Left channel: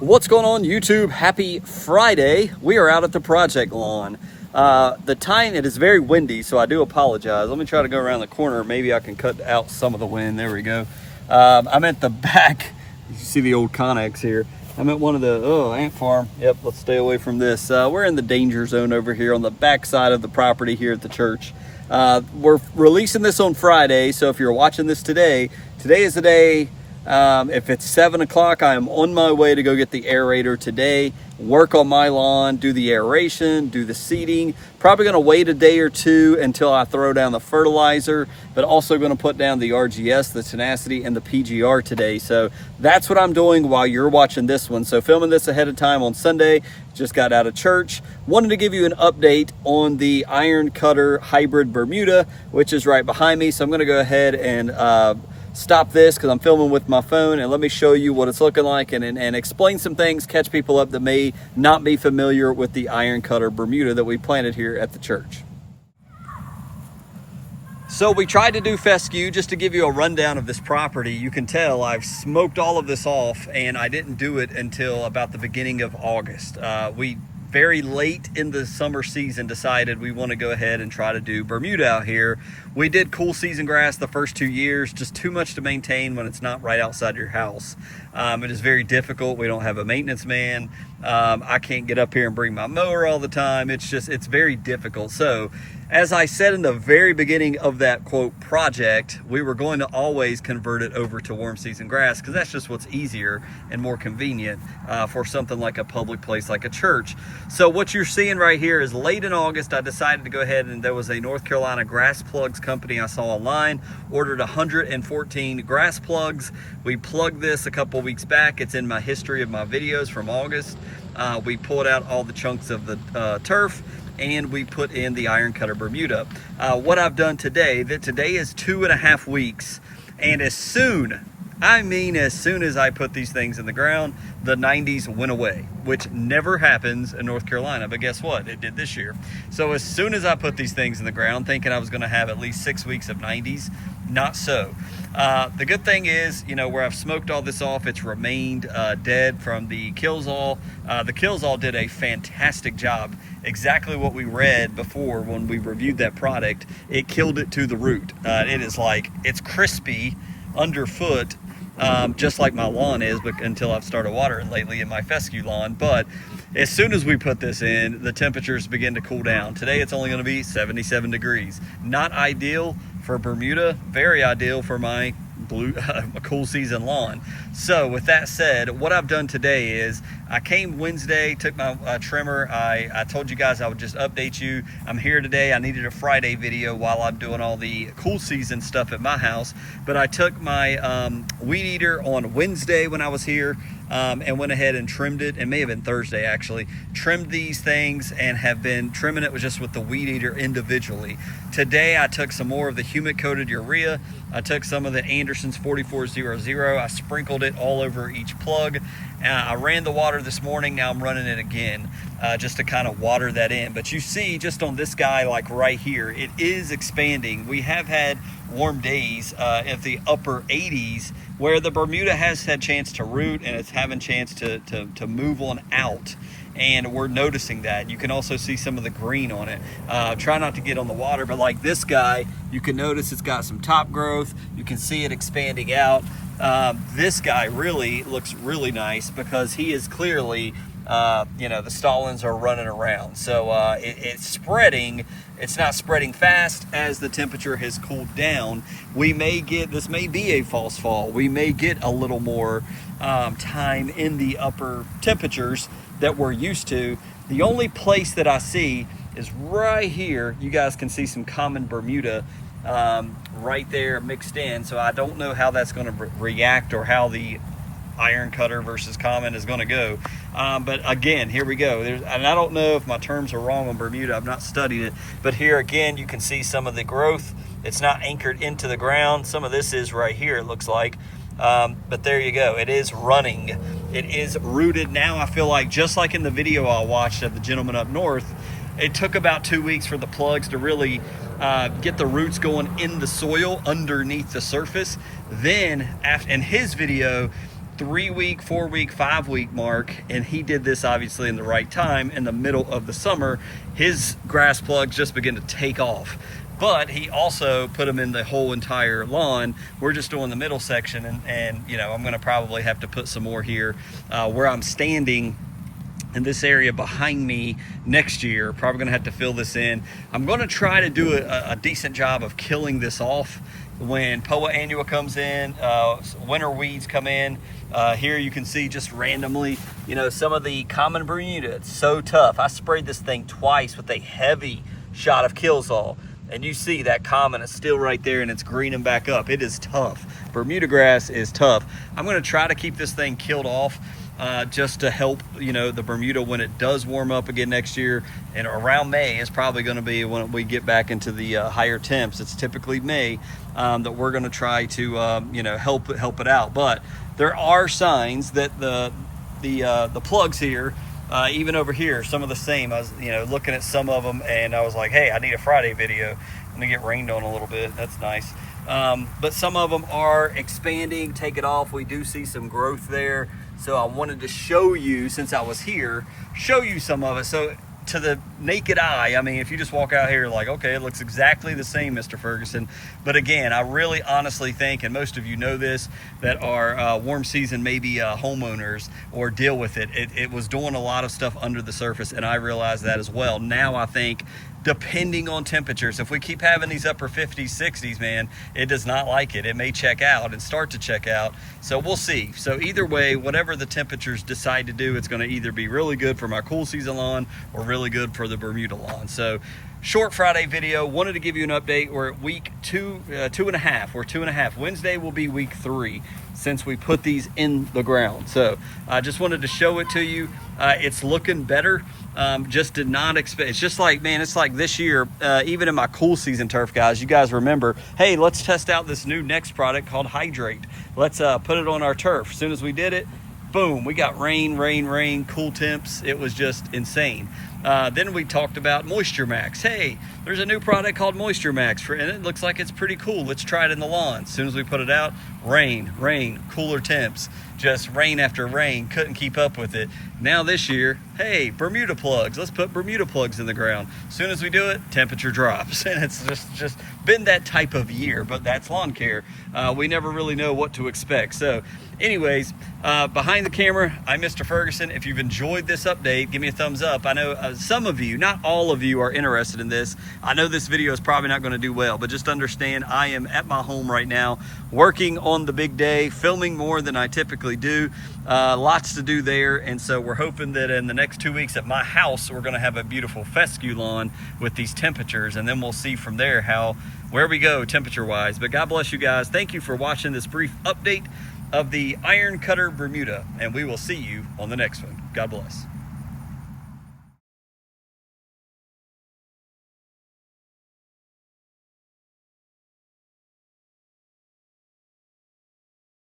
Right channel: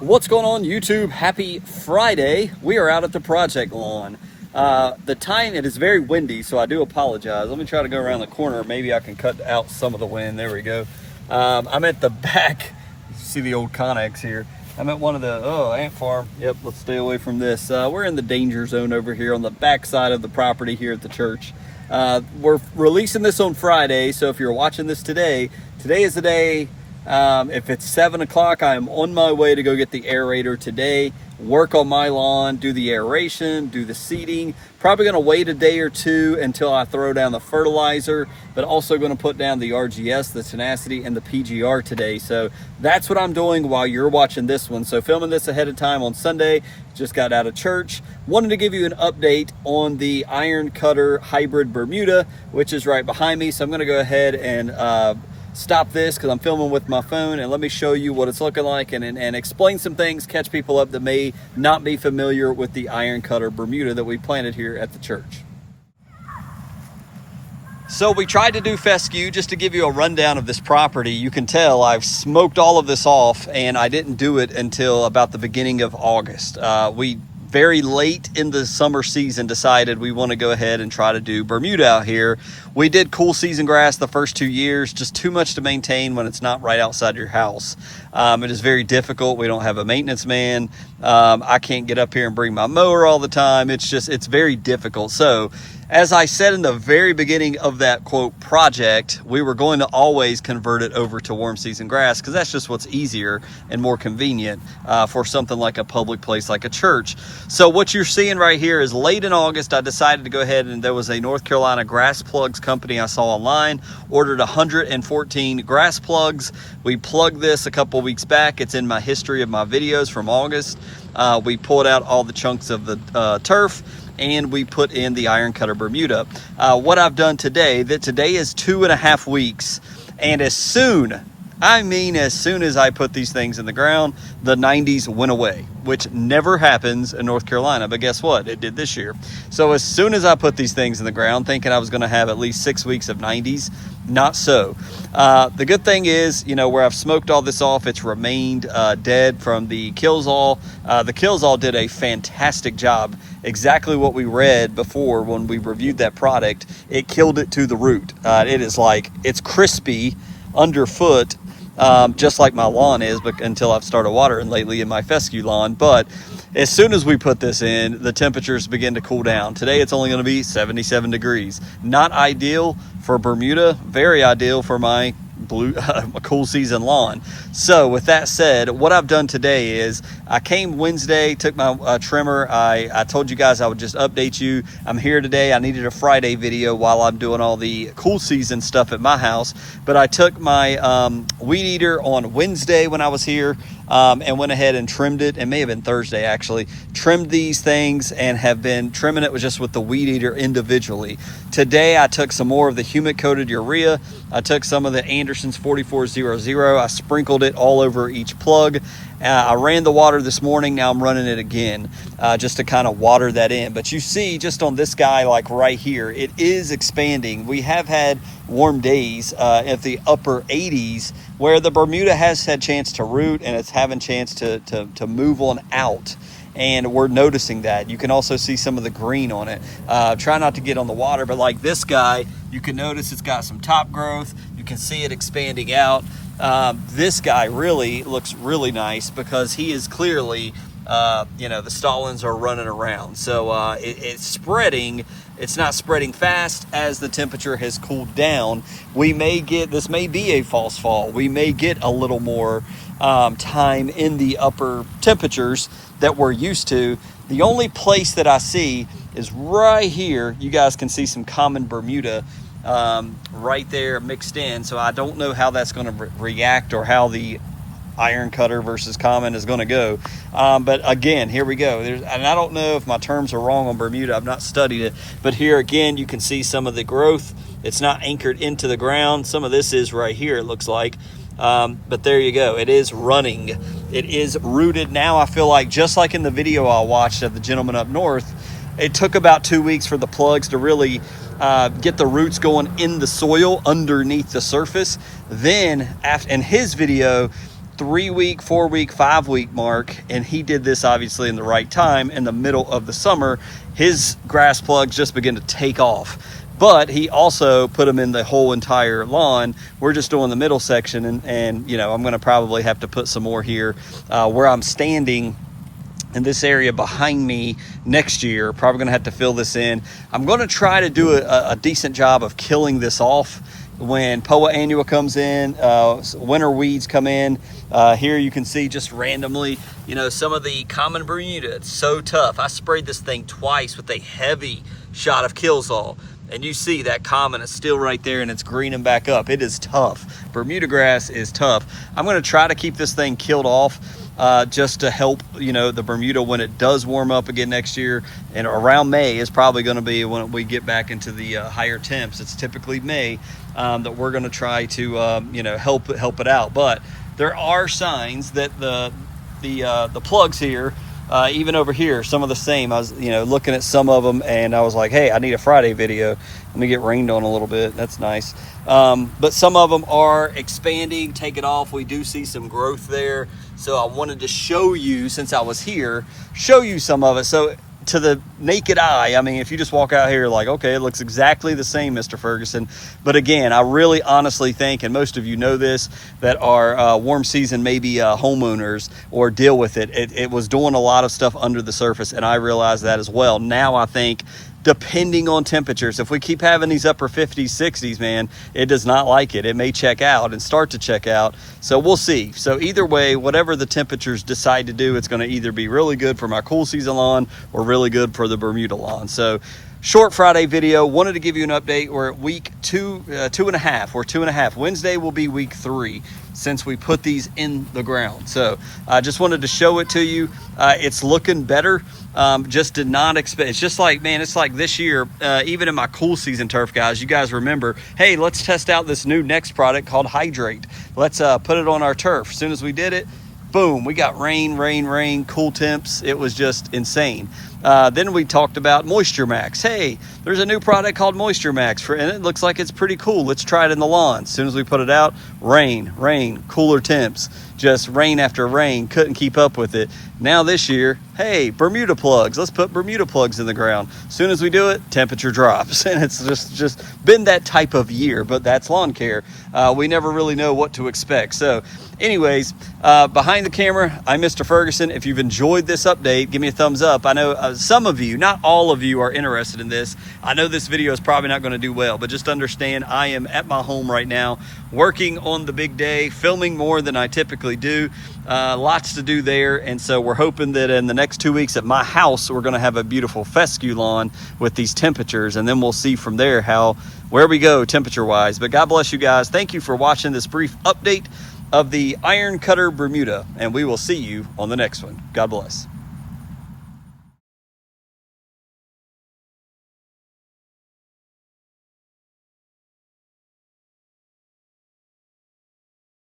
What's going on, YouTube? Happy Friday. We are out at the project lawn. The time, it is very windy, so I do apologize. Let me try to go around the corner. Maybe I can cut out some of the wind. There we go. I'm at the back. You see the old Connex here. I'm at one of the, ant farm. Yep, let's stay away from this. We're in the danger zone over here on the back side of the property here at the church. We're releasing this on Friday, so if you're watching this today is the day. If it's 7 o'clock, I am on my way to go get the aerator today, work on my lawn, do the aeration, do the seeding. Probably going to wait a day or two until I throw down the fertilizer, but also going to put down the RGS, the tenacity, and the PGR today. So that's what I'm doing while you're watching this one. So filming this ahead of time on Sunday, just got out of church. Wanted to give you an update on the Ironcutter Hybrid Bermuda, which is right behind me. So I'm going to go ahead and stop this because I'm filming with my phone, and let me show you what it's looking like and explain some things, catch people up that may not be familiar with the Ironcutter Bermuda that we planted here at the church. So we tried to do fescue. Just to give you a rundown of this property, you can tell I've smoked all of this off, and I didn't do it until about the beginning of August. We very late in the summer season decided we want to go ahead and try to do Bermuda out here. We did cool season grass the first 2 years, just too much to maintain when it's not right outside your house. It is very difficult. We don't have a maintenance man. I can't get up here and bring my mower all the time. It's very difficult. So as I said in the very beginning of that quote project, we were going to always convert it over to warm season grass because that's just what's easier and more convenient for something like a public place like a church. So what you're seeing right here is late in August, I decided to go ahead, and there was a North Carolina grass plugs company I saw online, ordered 114 grass plugs. We plugged this a couple weeks back. It's in my history of my videos from August. We pulled out all the chunks of the turf, and we put in the Ironcutter Bermuda. What I've done today, today is 2.5 weeks, and as soon as I put these things in the ground, the 90s went away, which never happens in North Carolina, but guess what? It did this year. So as soon as I put these things in the ground, thinking I was gonna have at least 6 weeks of 90s, not so. The good thing is, where I've smoked all this off, it's remained dead from the Killzall. The Killzall did a fantastic job. Exactly what we read before when we reviewed that product. It killed it to the root. It's crispy underfoot, just like my lawn is, but until I've started watering lately in my fescue lawn. But as soon as we put this in, the temperatures begin to cool down. Today it's only going to be 77 degrees. Not ideal for Bermuda, very ideal for my cool season lawn. So with that said, what I've done today is I came Wednesday, took my trimmer. I told you guys I would just update you. I'm here today. I needed a Friday video while I'm doing all the cool season stuff at my house, but I took my weed eater on Wednesday when I was here, and went ahead and trimmed it. It may have been Thursday actually. Trimmed these things and have been trimming it with the weed eater individually. Today I took some more of the humic coated urea. I took some of the Anderson's 4400. I sprinkled it all over each plug. I ran the water this morning. Now I'm running it again just to kind of water that in. But you see just on this guy, like right here, it is expanding. We have had warm days at the upper 80s where the Bermuda has had chance to root, and it's having chance to move on out. And we're noticing that. You can also see some of the green on it. Try not to get on the water, but like this guy, you can notice it's got some top growth. You can see it expanding out. This guy really looks really nice because he is clearly, the stolons are running around. So it's spreading. It's not spreading fast as the temperature has cooled down. This may be a false fall. We may get a little more time in the upper temperatures that we're used to. The only place that I see is right here. You guys can see some common Bermuda right there mixed in. So I don't know how that's going to react or how the Ironcutter versus common is going to go. But again, here we go. And I don't know if my terms are wrong on Bermuda. I've not studied it. But here again, you can see some of the growth. It's not anchored into the ground. Some of this is right here, it looks like. But there you go. It is running. It is rooted now. I feel like, just like in the video I watched of the gentleman up north, it took about 2 weeks for the plugs to really get the roots going in the soil underneath the surface. Then in his video, 3-week, 4-week, 5-week mark, and he did this obviously in the right time in the middle of the summer. His grass plugs just begin to take off, but he also put them in the whole entire lawn. We're just doing the middle section, and you know, I'm going to probably have to put some more here where I'm standing in this area behind me next year. Probably going to have to fill this in. I'm going to try to do a decent job of killing this off when Poa annua comes in, winter weeds come in. Here you can see just randomly, you know, some of the common Bermuda. It's so tough. I sprayed this thing twice with a heavy shot of Killzall, and you see that common is still right there and it's greening back up. It is tough. Bermuda grass is tough. I'm going to try to keep this thing killed off just to help, you know, the Bermuda when it does warm up again next year. And around May is probably going to be when we get back into the higher temps. It's typically May that we're going to try to you know, help it out. But there are signs that the plugs here, even over here, some of the same. I was, you know, looking at some of them, and I was like, hey, I need a Friday video. Let me get rained on a little bit. That's nice. But some of them are expanding, take it off. We do see some growth there. So I wanted to show you, since I was here, show you some of it. So to the naked eye, I mean, if you just walk out here like, okay, it looks exactly the same, Mr. Ferguson. But again, I really honestly think, and most of you know this, that are warm season maybe homeowners or deal with it. It was doing a lot of stuff under the surface, and I realized that as well. Now I think, depending on temperatures, if we keep having these upper 50s, 60s, man, it does not like it. It may check out and start to check out. So we'll see. So either way, whatever the temperatures decide to do, it's going to either be really good for my cool season lawn or really good for the Bermuda lawn. So short Friday video. Wanted to give you an update. We're at week 2.5. We're 2.5. Wednesday will be week 3 since we put these in the ground. So I just wanted to show it to you. It's looking better. Just did not expect. It's just like, man, it's like this year, even in my cool season turf, guys, you guys remember, hey, let's test out this new next product called Hydrate. Let's put it on our turf. As soon as we did it, boom, we got rain, cool temps. It was just insane. Then we talked about Moisture Max. Hey, there's a new product called Moisture Max, and it looks like it's pretty cool. Let's try it in the lawn. As soon as we put it out, rain, cooler temps. Just rain after rain, couldn't keep up with it. Now this year, hey, Bermuda plugs. Let's put Bermuda plugs in the ground. As soon as we do it, temperature drops. And it's just been that type of year, but that's lawn care. We never really know what to expect. So anyways, behind the camera, I'm Mr. Ferguson. If you've enjoyed this update, give me a thumbs up. I know some of you, not all of you, are interested in this. I know this video is probably not going to do well, but just understand I am at my home right now, working on the big day, filming more than I typically do. Lots to do there, and so we're hoping that in the next 2 weeks at my house, we're going to have a beautiful fescue lawn with these temperatures, and then we'll see from there where we go temperature-wise. But God bless you guys. Thank you for watching this brief update of the Ironcutter Bermuda, and we will see you on the next one. God bless.